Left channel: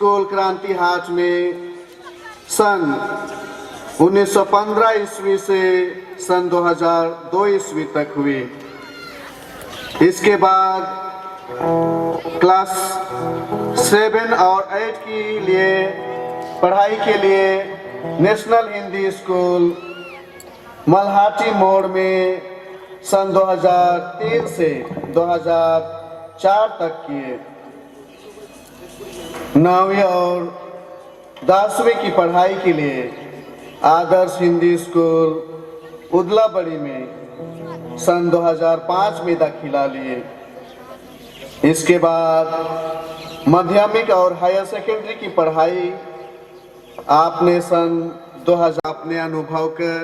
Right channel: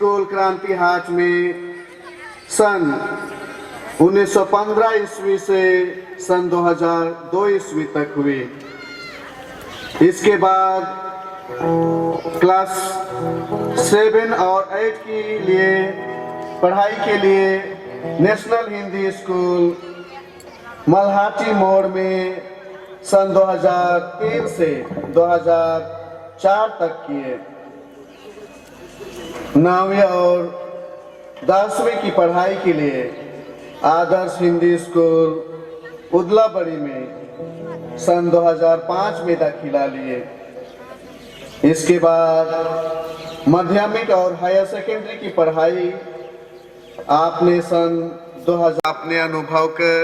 School क्रांति हाट में सन 1915 ईस्वी से सन 2002 ईस्वी तक हुई। इसके बाद क्लास 7 और 8 के लिए पढ़ाई के लिए नेशनल हिंदी स्कूल मल्हाटी मोड़ में सन 2003 से 2004 तक किए। 9वीं और 10वीं की पढ़ाई के लिए आदर्श हिंदी स्कूल उदलाबड़ी में सन 2005 में दाखिला लिए। इसके बाद माध्यमिक और हायर सेकेंडरी की पढ़ाई आपने सन 2000 अपने अनुभव कर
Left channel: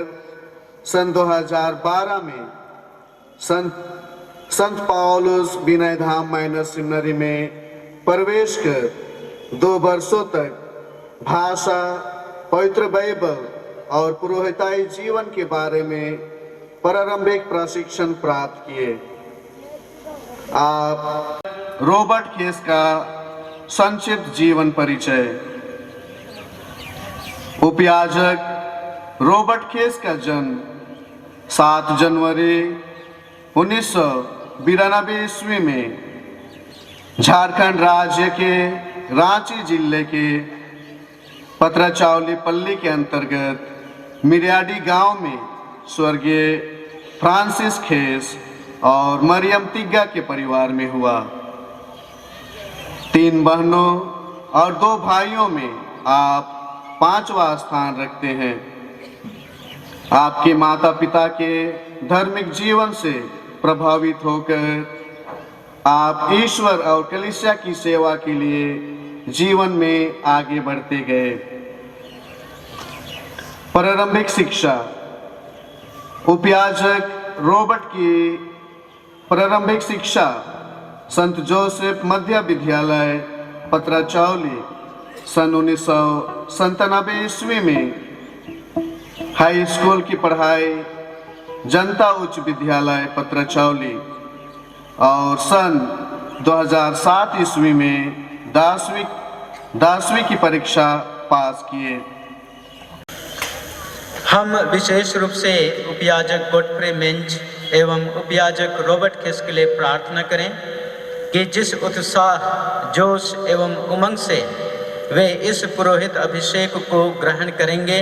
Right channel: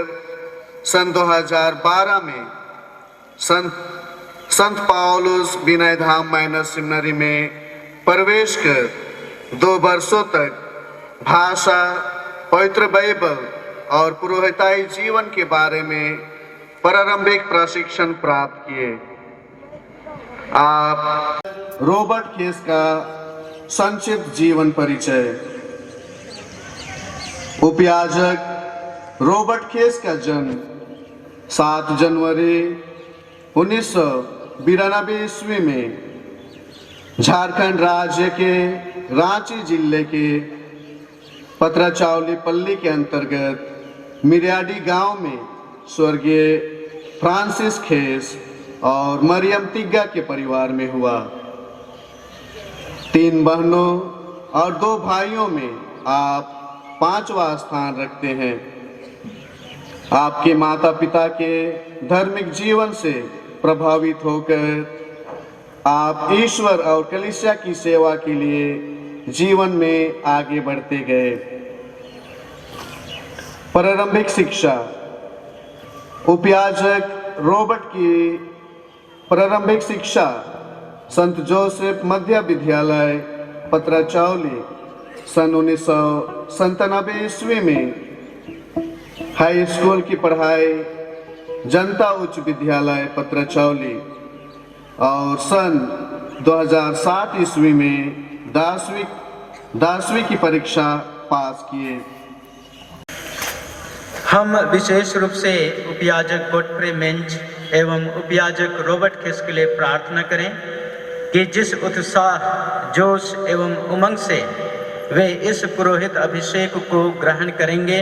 सन 2012 में संत पाउलुस विनय धाम माइनर सेमिनरी में प्रवेश कर 2 वर्षों तक भाषा, पवित्र बाइबल और पुरोहिताई जीवन के बारे में प्रारंभिक प्रशिक्षण प्राप्त किए। आप रॉबर्ट केस का संक्षिप्त जीवन परिचय। उपयाजक रॉबर्ट केस का जन्म 7 जनवरी 1992 ईस्वी में झारखंड राज्य के रांची जिले के पत्राचावली पल्ली के अंतर्गत मिरियाडी गांव में स्वर्गीय फ्रांसिस खेस और मरियम तिग्गा के परिवार में हुआ। 3 बहनों और 2 भाइयों में आप 5वां स्थान रखते हैं। आपके माता पिता के धार्मिक जीवन से प्रभावित होकर आप ईश्वर और कलीसिया की सेवा के लिए जीवन में आगे बढ़ते गए। प्रारंभिक शिक्षा। उपयाजक रॉबर्ट की प्रारंभिक शिक्षा संत जोसेफ मध्य विद्यालय पत्राचावली सन 1997 ईस्वी में, हाई स्कूल की पढ़ाई जनता उच्च विद्यालय पत्राचावली और सन 2007 ईस्वी में 10वीं की परीक्षा पास किए। हम विशेष रूप से उपयाजक गोडफ्रे मिंज एवं उपयाजक रॉबर्ट केस के लिए प्रार्थना करें कि जिस उत्साह, जोश एवं उमंग से वे इस पुरोहित अभिषेक को ग्रहण करेंगे,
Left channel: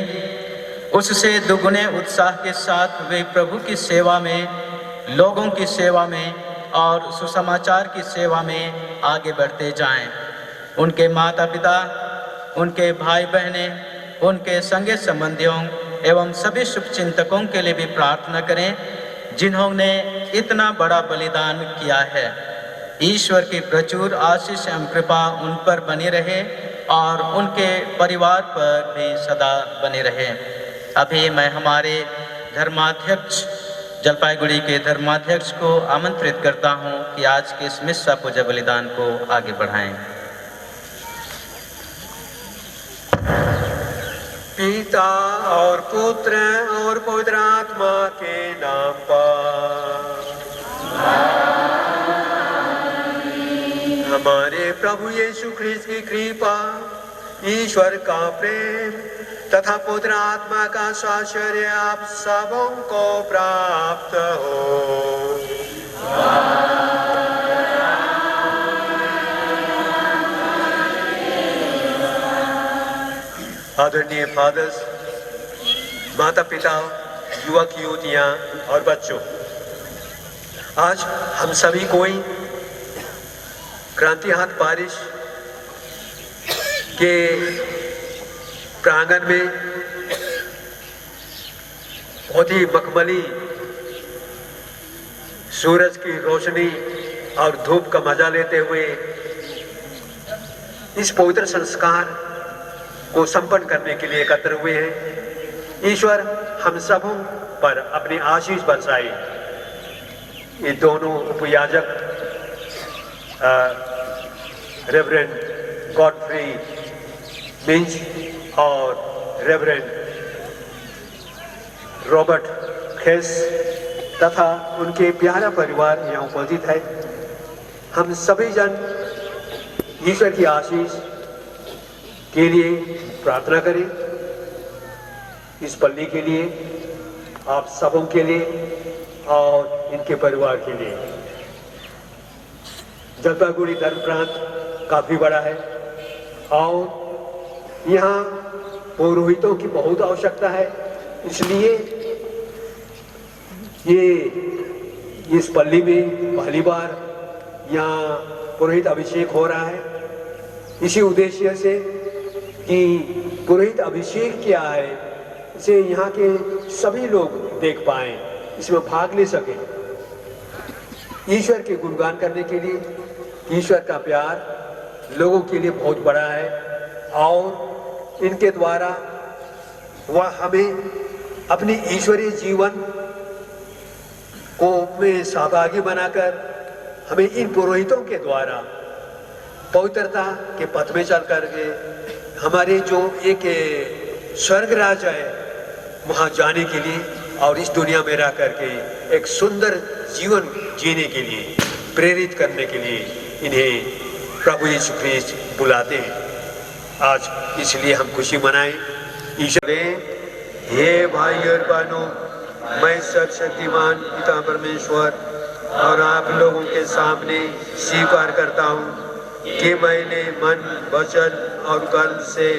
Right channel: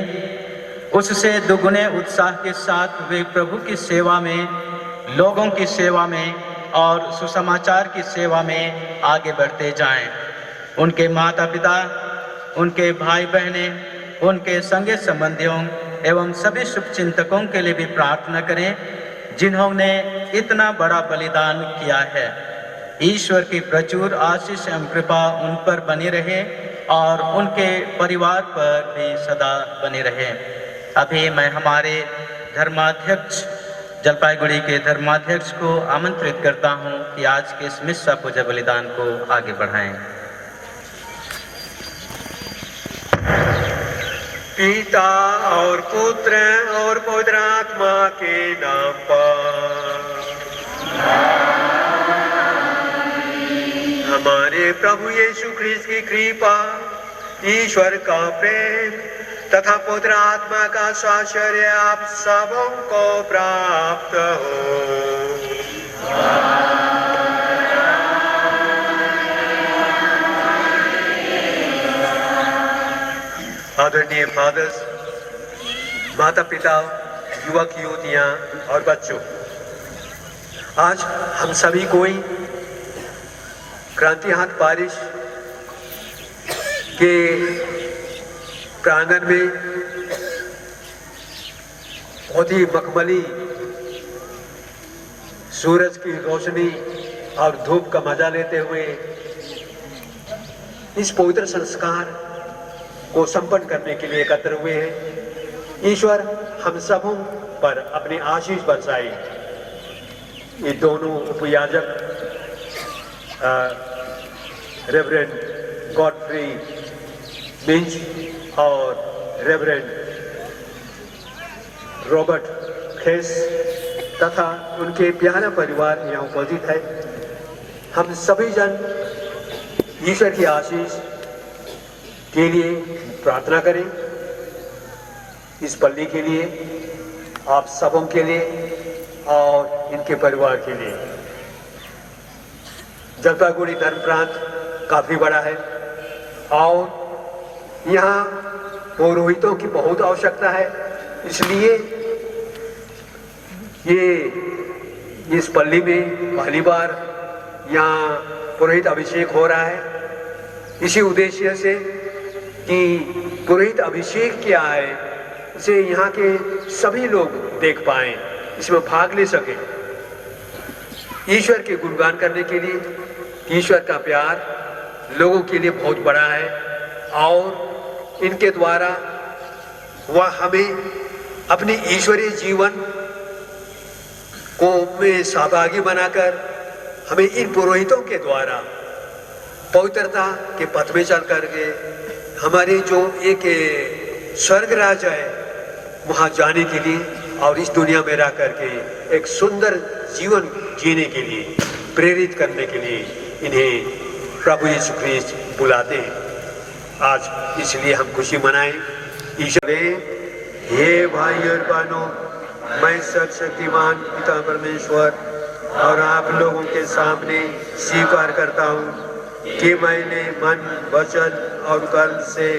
उससे दुगुने उत्साह के साथ वे प्रभु की सेवा में, लोगों की सेवा में और सुसमाचार की सेवा में आगे बढ़ते जाएं। उनके माता पिता, उनके भाई बहनें, उनके संगे संबंधियों एवं सभी शुभचिंतकों के लिए भी प्रार्थना करें जिन्होंने इतना बड़ा बलिदान किया है। ईश्वर की प्रचुर आशीष एवं कृपा उन पर बनी रहे और उनके परिवार पर भी सदा बनी रहे। अभी मैं हमारे धर्माध्यक्ष, जलपाईगुड़ी के धर्माध्यक्ष को आमंत्रित करता हूं कि आज के इस मिस्सा पूजा बलिदान को आगे बढ़ाएं। पिता और पुत्र और पवित्र आत्मा के नाम पर। हमारे प्रभु यीशु ख्रीस्त की कृपा, ईश्वर का प्रेम तथा पवित्र आत्मा का साहचर्य आप सबों को प्राप्त हो। आदरणीय फादर्स, माता पिता, युवक युवतियां और बच्चों, आज हम सभी कोई क्रांति हाट पारिश के प्रांगण में बहुत ही मखमली सूरज की रोशनी और धूप का मजा लेते हुए इस पवित्र संस्कार को संपन्न करने के लिए एकत्र हुए हैं। ईश्वर हम सबों पर अपनी आशीष बरसाए। ये दोनों उपयाजक रेवरेंड गॉडफ्री मिंज और रेवरेंड रॉबर्ट खेस तथा उनके प्यारा परिवार यहाँ उपस्थित है। हम सभी जन ईश्वर की आशीष के लिए प्रार्थना करें, इस पल्ली के लिए, आप सबों के लिए और इनके परिवार के लिए। जलपाईगुड़ी धर्म प्रांत काफी बड़ा है और यहाँ पुरोहितों की बहुत आवश्यकता है, इसलिए ये इस पल्ली में पहली बार यहाँ पुरोहित अभिषेक हो रहा है। इसी उद्देश्य से कि पुरोहित अभिषेक क्या है, इसे यहाँ के सभी लोग देख पाएं, इसमें भाग ले सकें। ईश्वर के गुणगान करने के लिए ईश्वर का प्यार लोगों के लिए बहुत बड़ा है और इनके द्वारा वह हमें अपने ईश्वरीय जीवन को में सहभागी बनाकर हमें इन पुरोहितों के द्वारा पवित्रता के पथ में चल करके हमारे जो एक स्वर्ग राज है वहाँ जाने के लिए और इस दुनिया में रह करके एक सुंदर जीवन जीने के लिए प्रेरित करने के लिए इन्हें प्रभु यीशु ख्रीस्त बुलाते हैं। आज इसलिए हम खुशी मनाएं। ईश्वर हे भाई और बहनों, मैं सर्वशक्तिमान पिता परमेश्वर और आप लोगों के सामने स्वीकार करता हूँ कि मैंने मन, वचन और कर्म से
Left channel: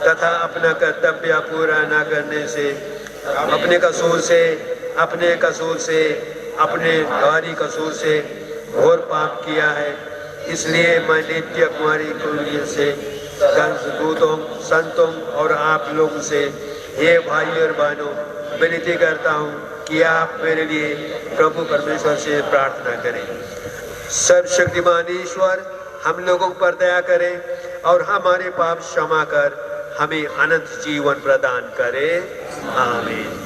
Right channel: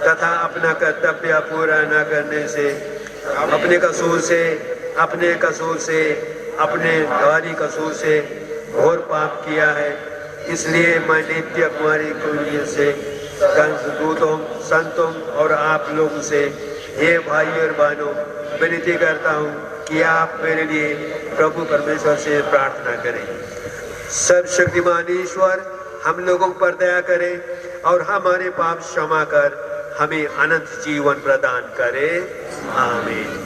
तथा अपना कर्तव्य पूरा न करने से अपने कसूर से अपने भारी कसूर से घोर पाप किया है। इसलिए मैं नित्य कुमारी कुंजी से दूतों, संतों और आप लोगों से हे भाई और बहनों विनती करता हूँ कि आप मेरे लिए प्रभु परमेश्वर से प्रार्थना करें। सर्वशक्तिमान ईश्वर हम लोगों पर दया करें और हमारे पाप क्षमा कर हमें अनंत जीवन प्रदान करे। आमीन।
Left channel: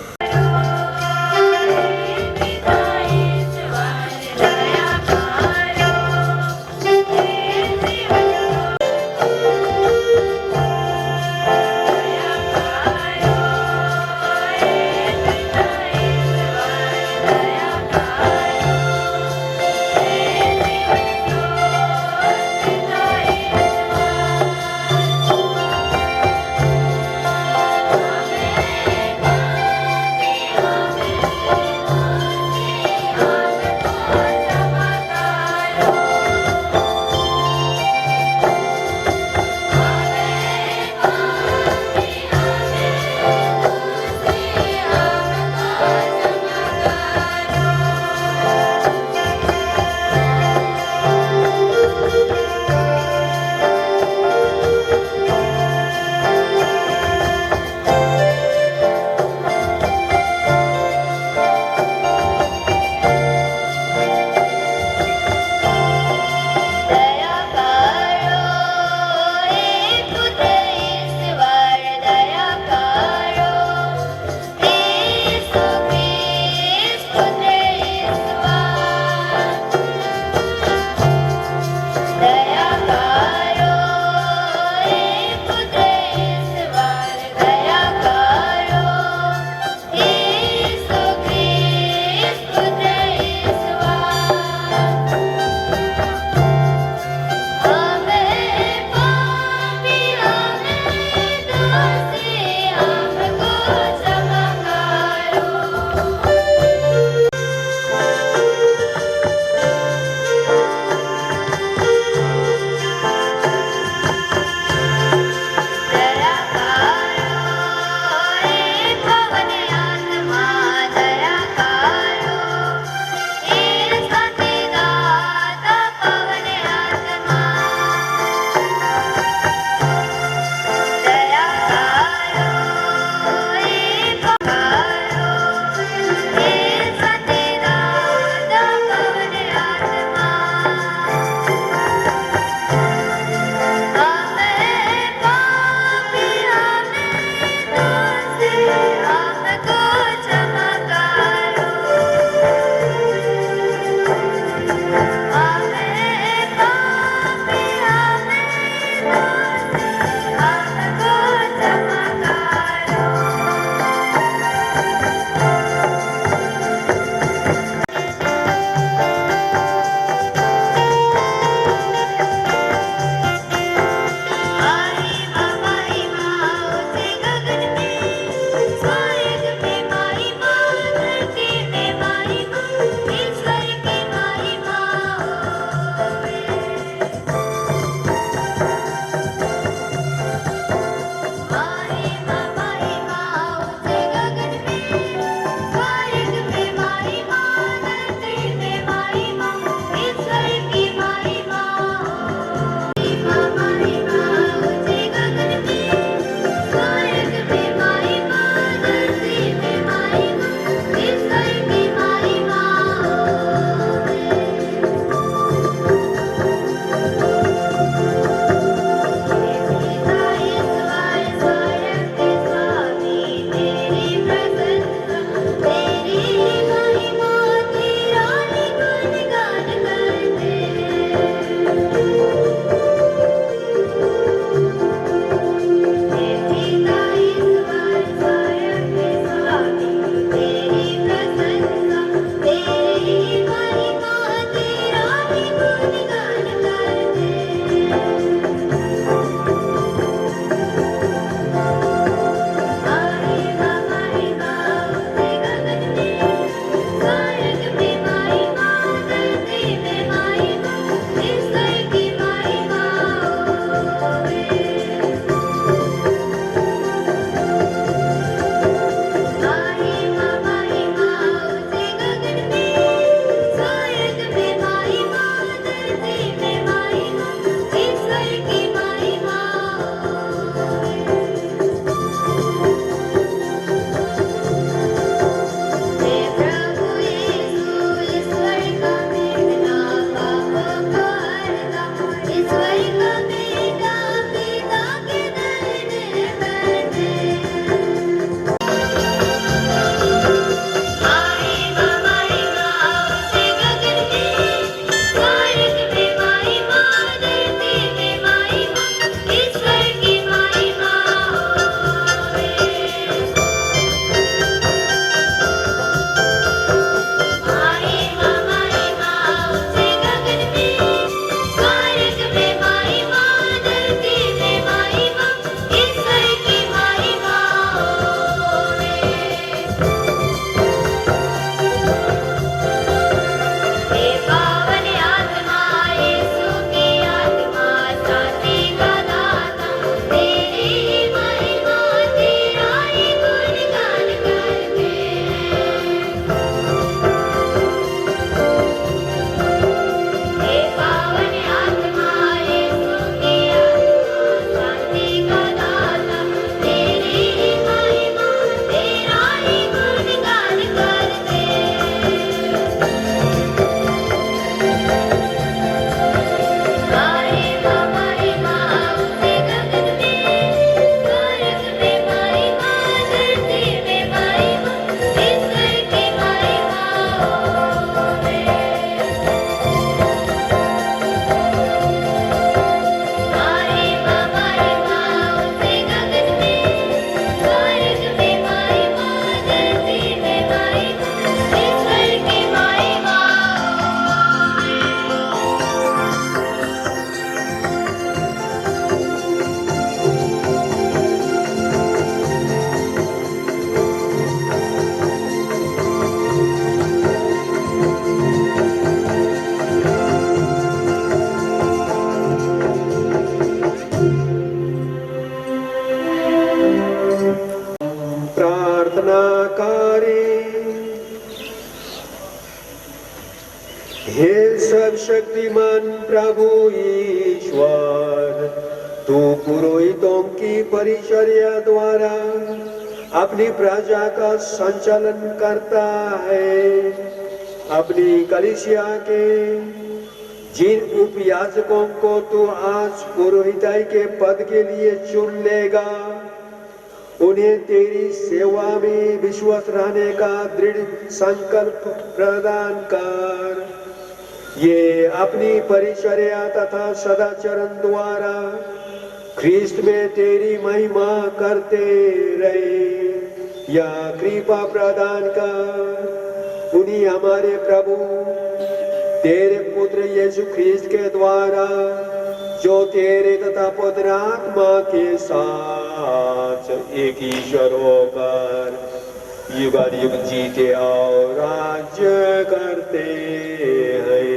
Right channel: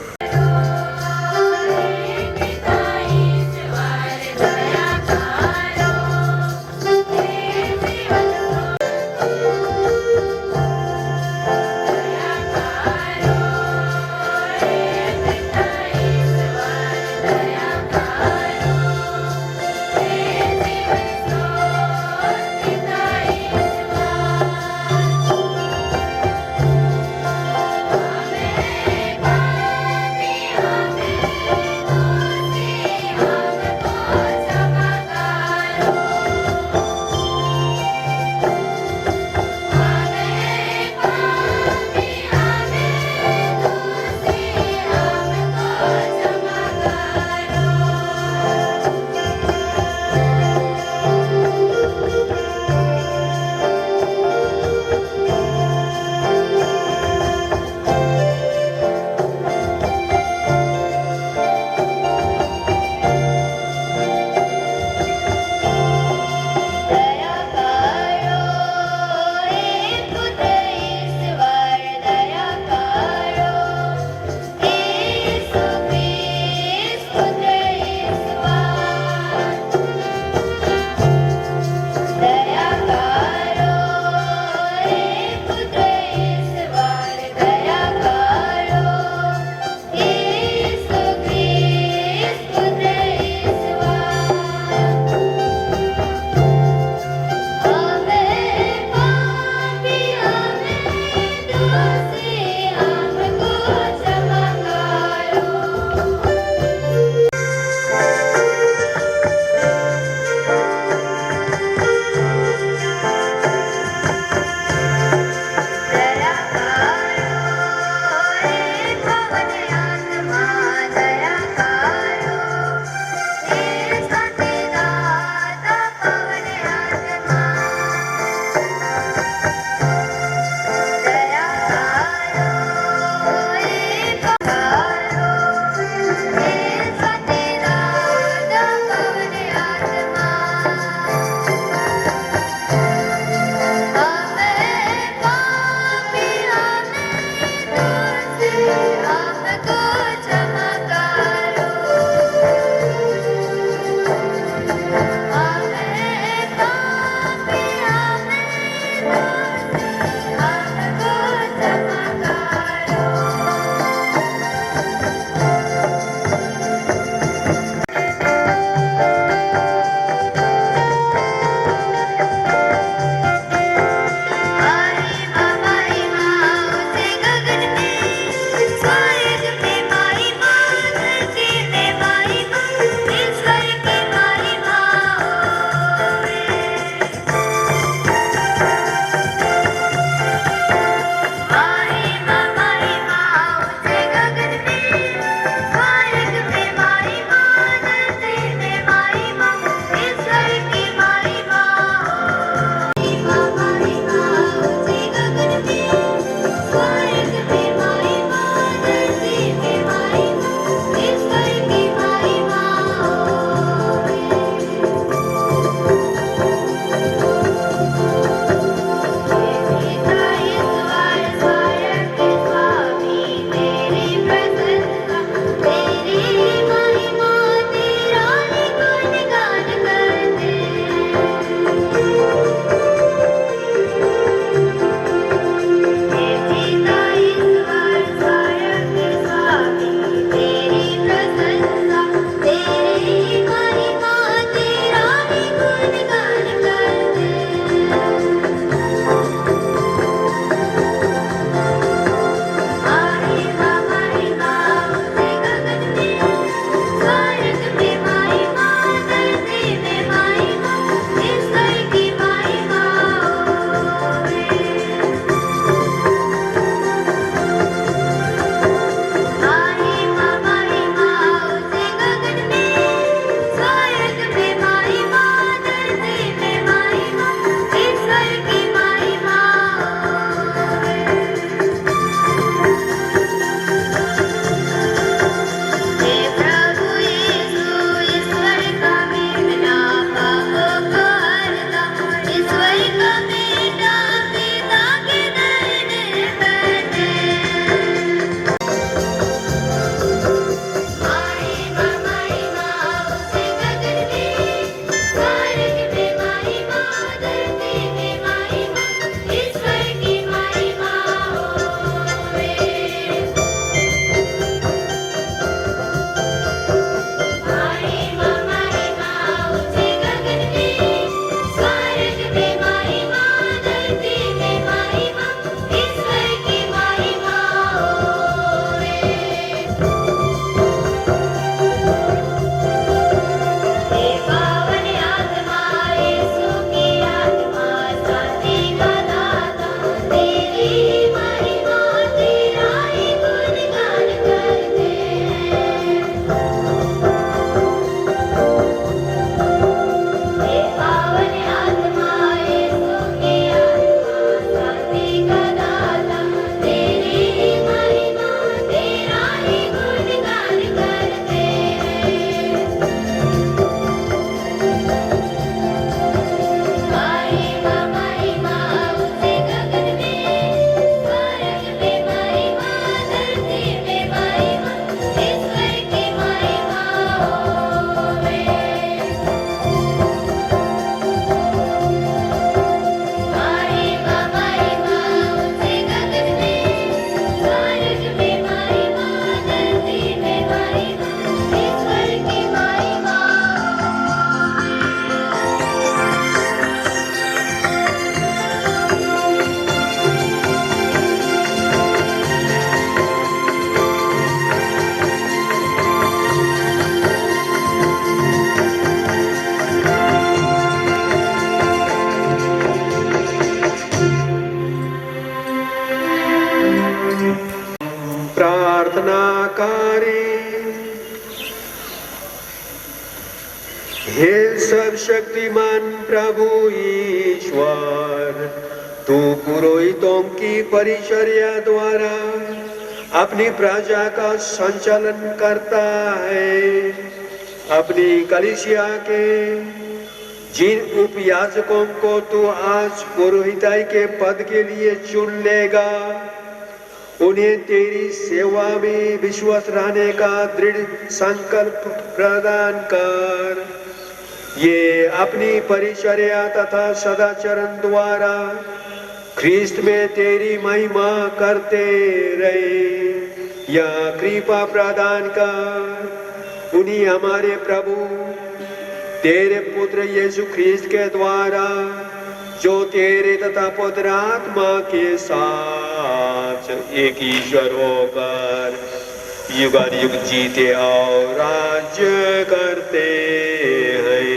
सर्वशक्तिमान प्रभु ईश्वर, तू पुरोहितों की परिचर्या द्वारा अपनी प्रजा का संचालन करता है। अपनी कलीसिया के जिन उपयाजकों को तू आज पुरोहिताई के पद के लिए चुन लेगा, उन्हें तेरी सेवा में विश्वास रहने का दृढ़ संकल्प प्रदान कर। ये अपनी परिचर्या तथा सदाचरण द्वारा ख्रीस्त में तेरी महिमा करते रहे। यह कृपा प्रदान कर उन्हीं हमारे प्रभु तेरे पुत्र यीशु ख्रीस्त के द्वारा, जो तेरे तथा पुत्र आत्मा के साथ एक ईश्वर होकर युगानुयुग जीते और राज्य करते हैं।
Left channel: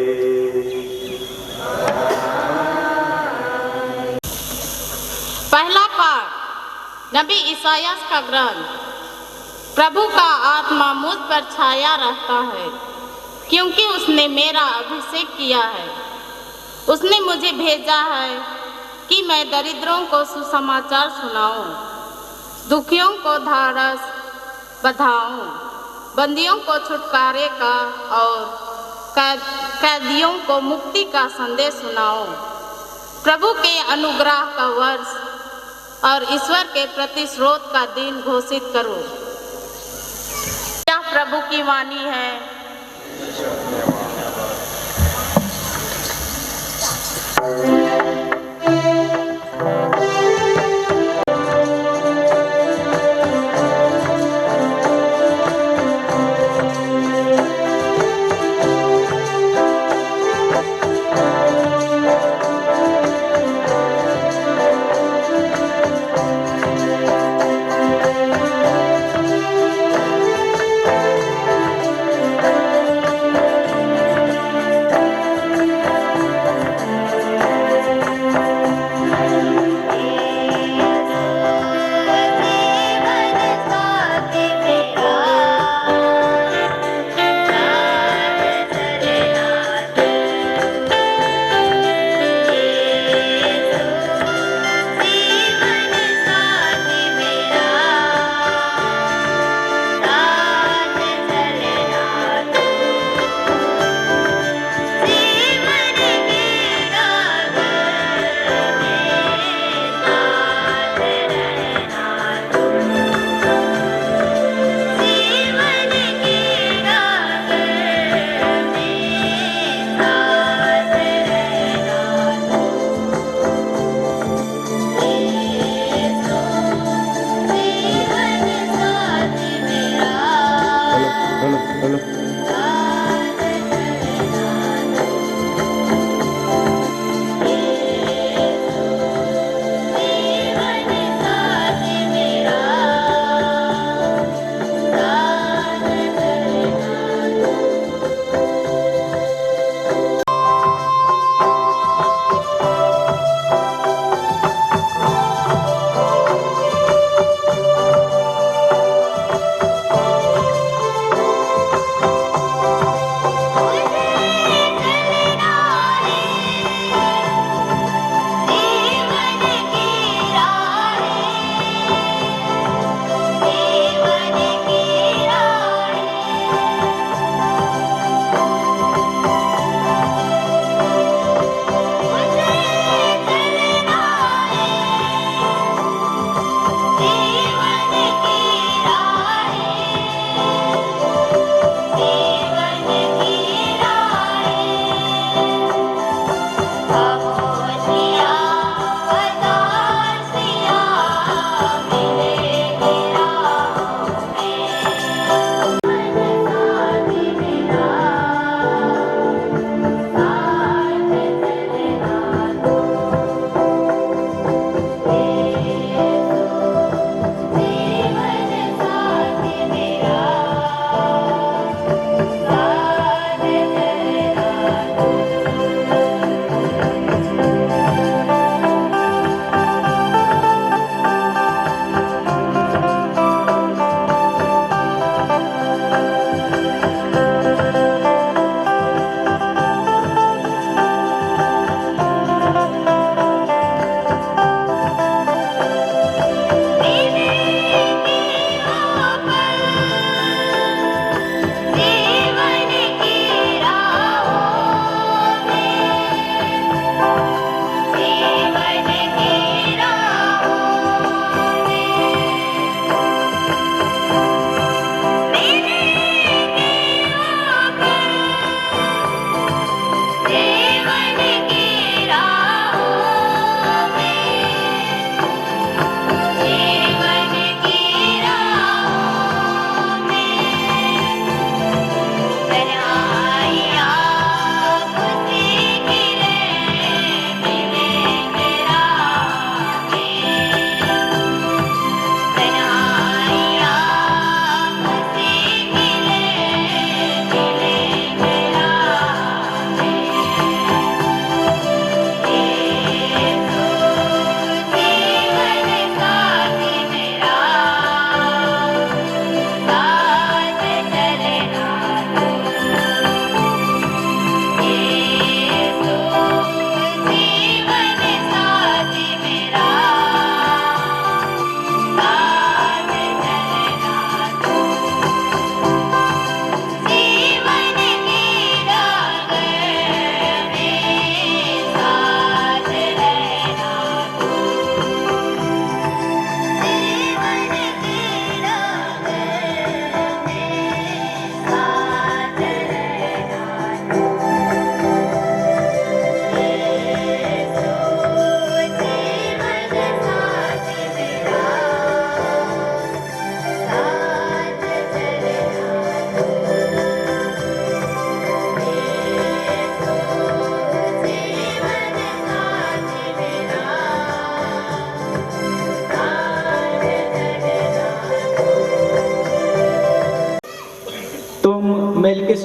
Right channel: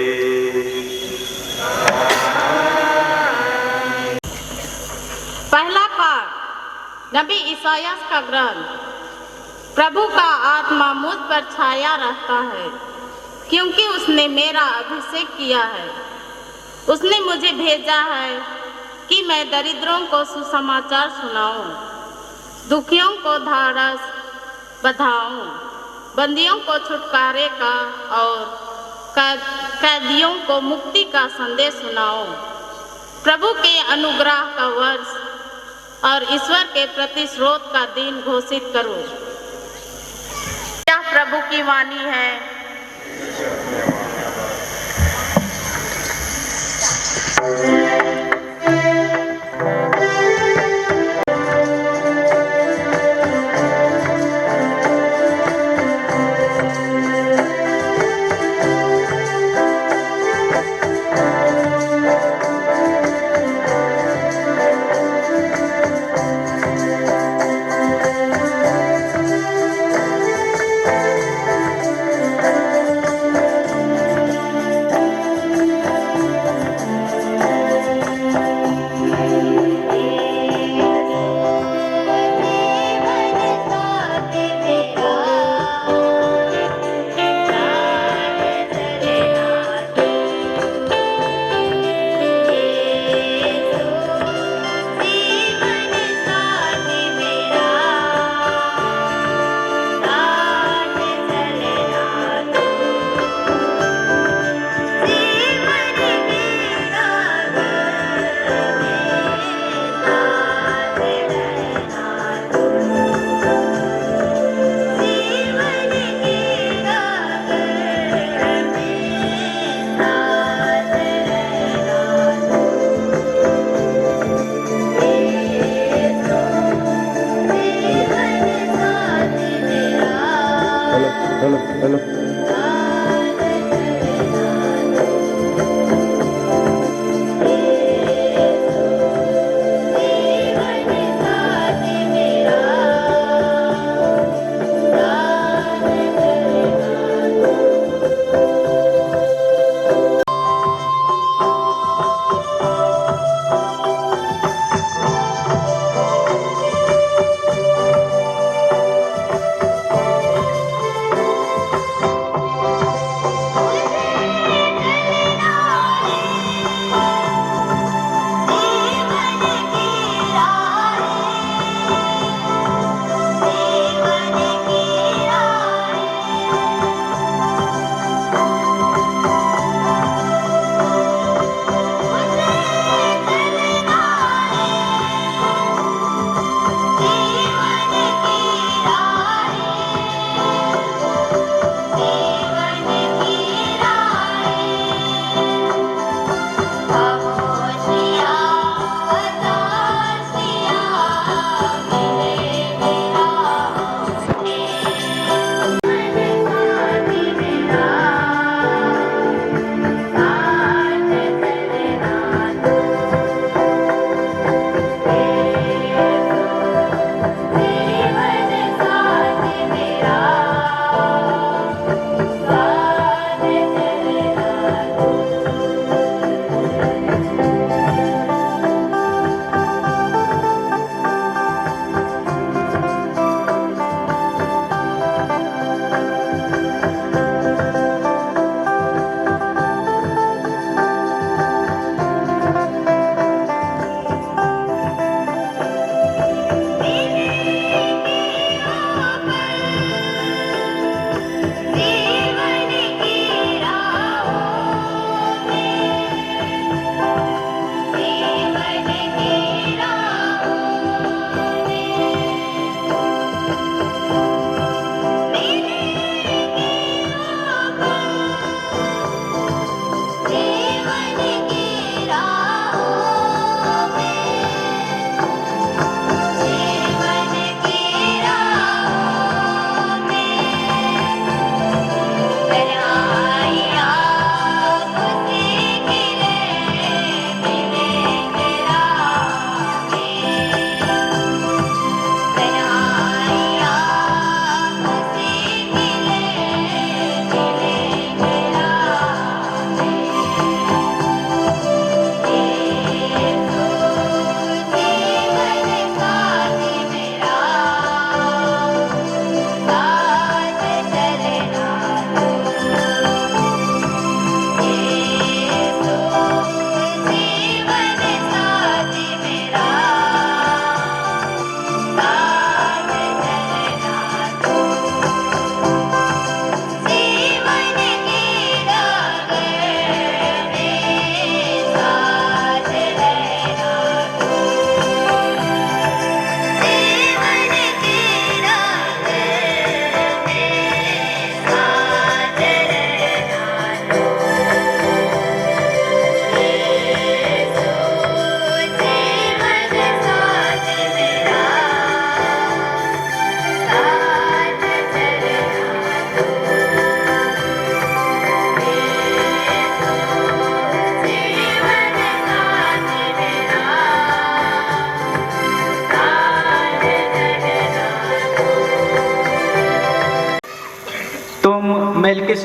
पहला पाठ नबी ईसायास का ग्रंथ। प्रभु का आत्मा मुझ पर छाया रहता है, क्योंकि उसने मेरा अभिषेक किया है। उसने मुझे भेजा है कि मैं दरिद्रों को सुसमाचार सुनाऊं, दुखियों को ढाढ़स बंधाऊं, बंदियों को छुटकारे का और कैदियों को मुक्ति का संदेश सुनाऊं, प्रभु के अनुग्रह का वर्ष और ईश्वर के प्रति स्रोत का दिन घोषित करो। यह प्रभु की वाणी है।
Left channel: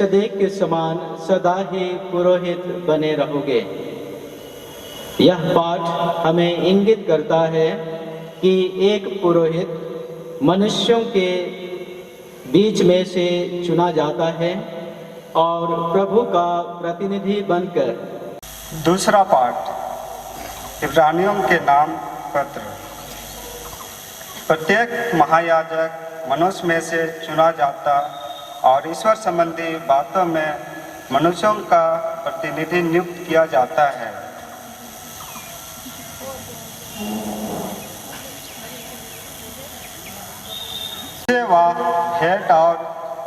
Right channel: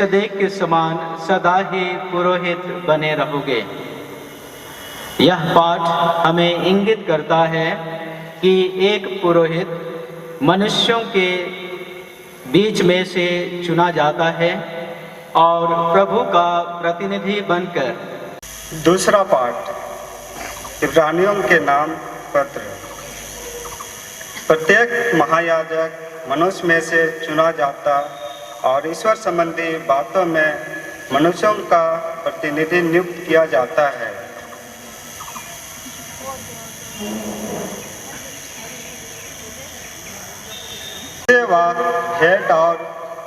मेलकिसेदेक के समान सदा ही पुरोहित बने रहोगे। यह पाठ हमें इंगित करता है कि एक पुरोहित मनुष्यों के बीच में से चुना जाता है और प्रभु का प्रतिनिधि बनकर। दूसरा पाठ इब्रानियों के नाम पत्र। प्रत्येक महायाजक मनुष्य में से चुना जाता और ईश्वर संबंधी बातों में मनुष्यों का प्रतिनिधि नियुक्त किया जाता है। वह भेंट और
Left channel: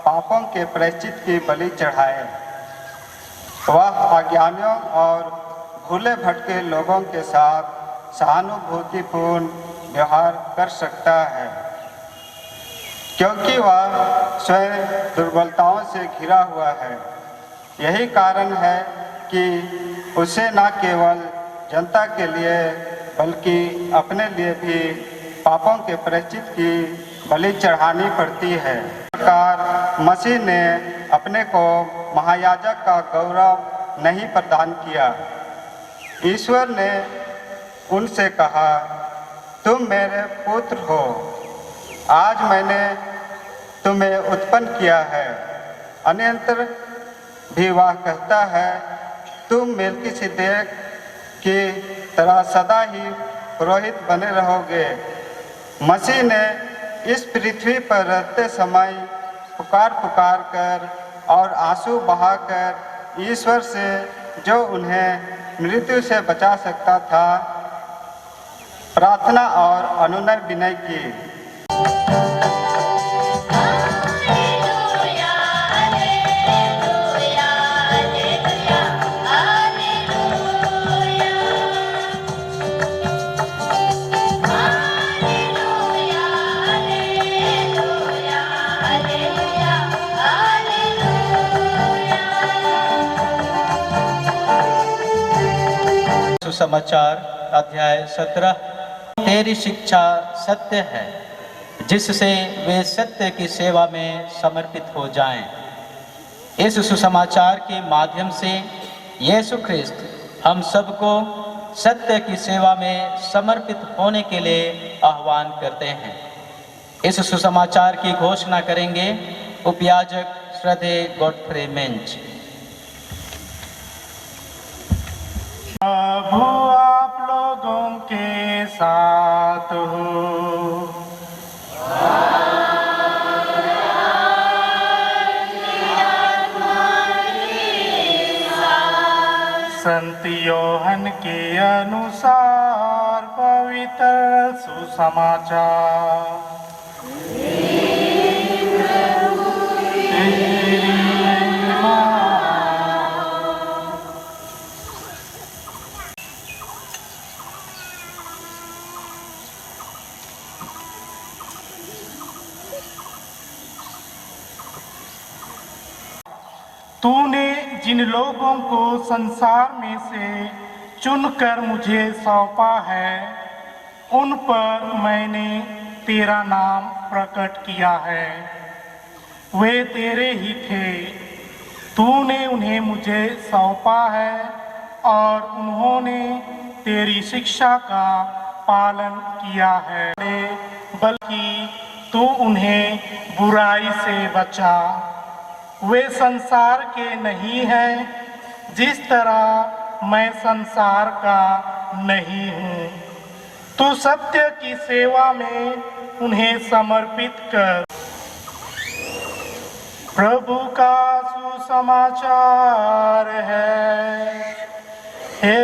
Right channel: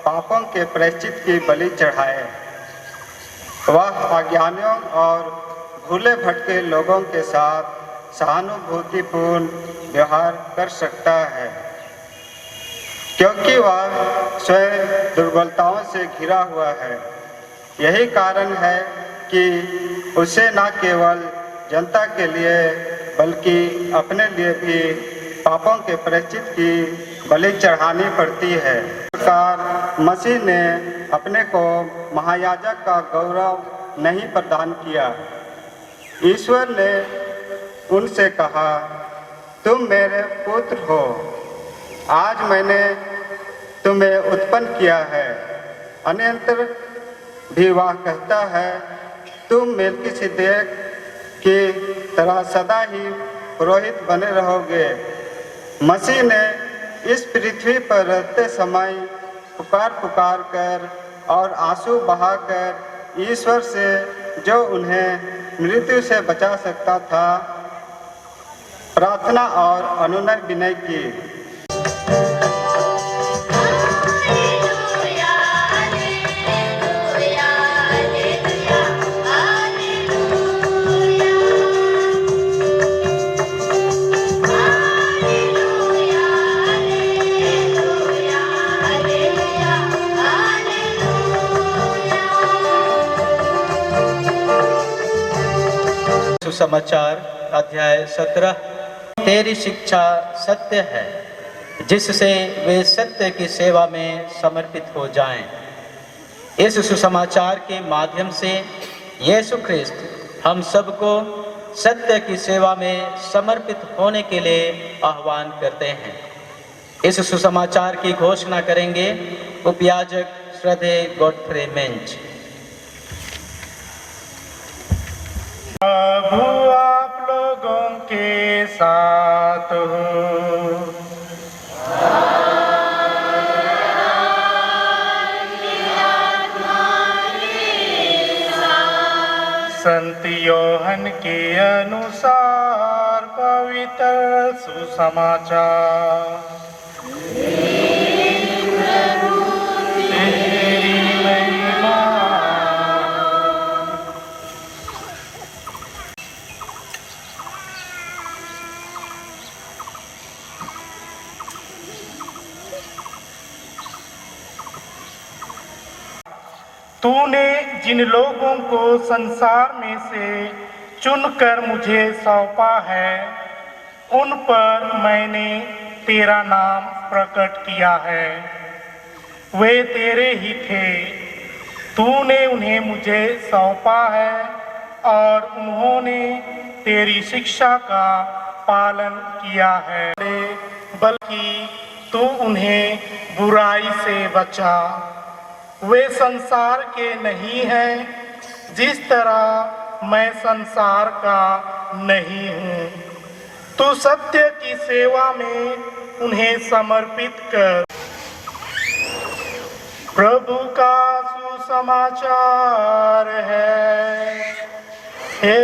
पापों के प्रायश्चित की बलि चढ़ाए। वह अज्ञानियों और भूले भटके लोगों के साथ सहानुभूतिपूर्ण व्यवहार कर सकता है, क्योंकि वह स्वयं दुर्बलताओं से घिरा हुआ है। यही कारण है कि उसे न केवल जनता के लिए बल्कि अपने लिए भी पापों के प्रायश्चित की बलि चढ़ानी पड़ती है। प्रकार मसीह ने अपने को महायाजक का गौरव नहीं प्रदान किया। ईश्वर ने उनसे कहा, तुम मेरे पुत्र हो, आज मैंने तुम्हें उत्पन्न किया है। अन्यंतर भी वह कहता है, तुम मेलकिसेदेक की तरह सदा ही पुरोहित बने रहोगे। मसीह ने इस पृथ्वी पर रहते समय पुकार पुकार कर और आंसू बहाकर ईश्वर से, जो उन्हें मृत्यु से बचा सकता था, प्रार्थना और अनुनय विनय की। सुसमाचार अध्याय 17। तेरी शिक्षा सत्य है, जिससे वे सत्य की सेवा में समर्पित हो जाएं। इस सुसमाचार के माध्यम से यीशु ख्रिस्त हम सबको सत्य की सेवा में समर्पित होने के लिए आह्वान करते हैं। इस सुसमाचार की घोषणा करेंगे उपयाजक श्रद्धेय गॉडफ्रे मेंज। प्रभु आप लोगों के साथ हो। संत योहन के अनुसार पवित्र सुसमाचार। तेरी महिमा। तूने जिन लोगों को संसार में से चुनकर मुझे सौंपा है, उन पर मैंने तेरा नाम प्रकट किया है। वे तेरे ही थे। तूने उन्हें मुझे सौंपा है और उन्होंने तेरी शिक्षा का पालन किया है, बल्कि तू उन्हें बुराई से बचा। वे संसार के नहीं हैं, जिस तरह मैं संसार का नहीं हूँ। तू सत्य की सेवा में उन्हें समर्पित कर। प्रभु का सुसमाचार है। हे